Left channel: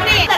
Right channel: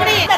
করে